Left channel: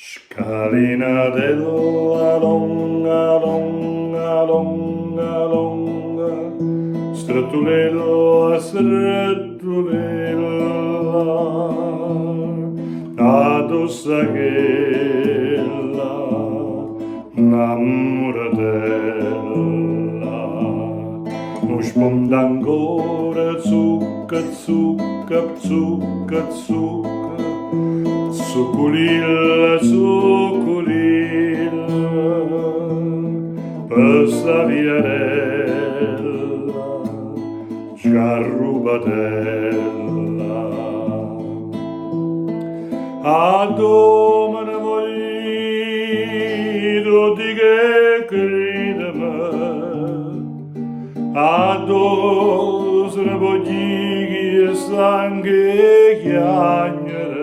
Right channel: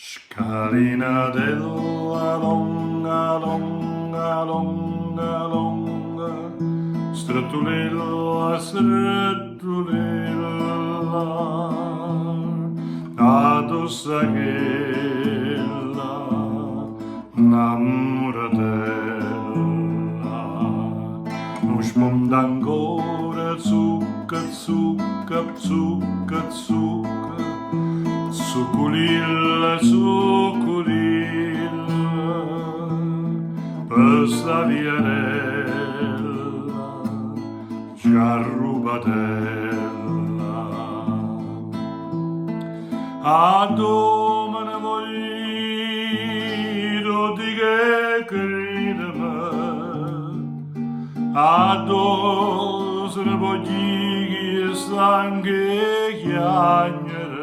Scalinatella longa, longa, longa, longa, strettulella, strettulella, addossa ch'ella, innamoratella, non sponda ancora, zucca, zucca, zucca, zucca, succulilla, succulilla, questa viarella, sciarrubatella. A domani voglio di che credeme, a dosre voglio stanche chiagnere,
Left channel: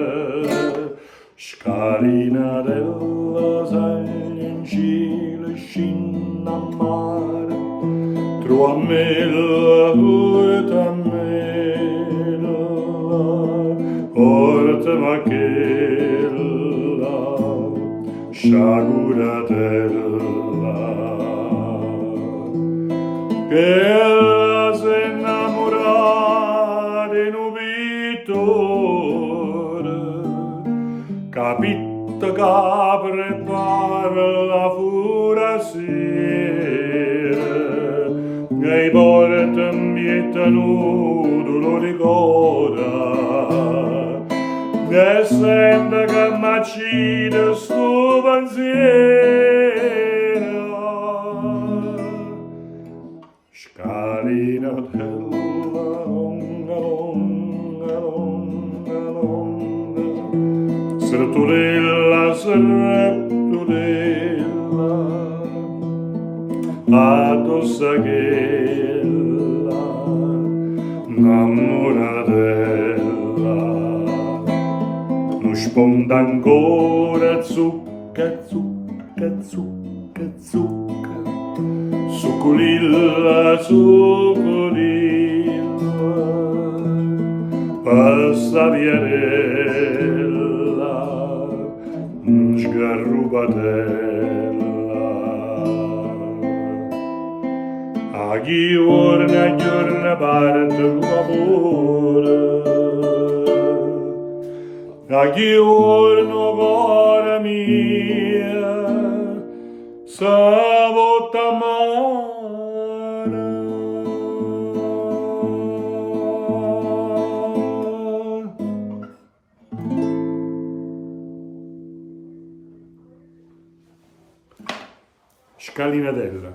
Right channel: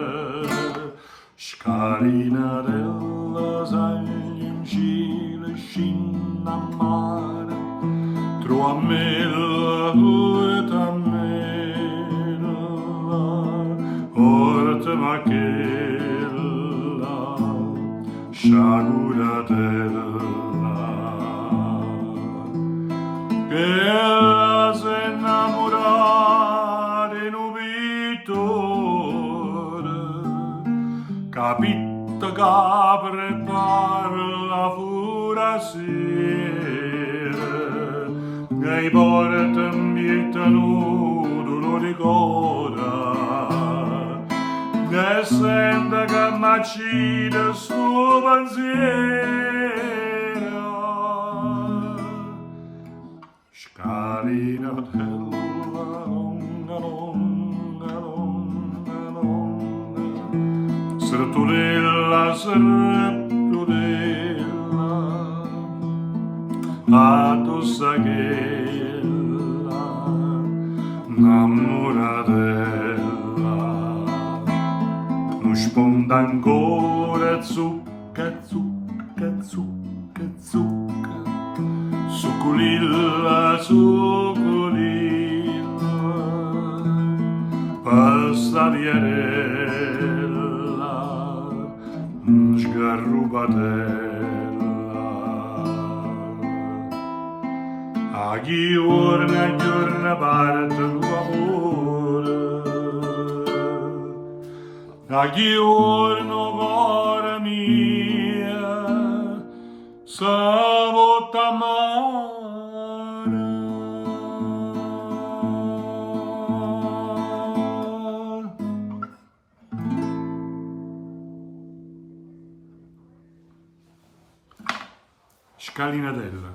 scalinatella sai in cielo scinna a mare, truamella, utamella, orte machella, sciaguratella, che si innamora di un pittore, capito che prepara la furasera, che porta in vita nudo lo ricorda, che sente che m'accide sto pensiero. Scalinatella longa, longa, longa, longa, strettulella, strettulella, addossa ch'ella, innamoratella, non sponda ancora, zucca, zucca, zucca, zucca, succulilla, succulilla, questa viarella, sgarrubatella. A giorno parte il lavoro, a giorno cuore mia, s'avota amare. Scalinatella.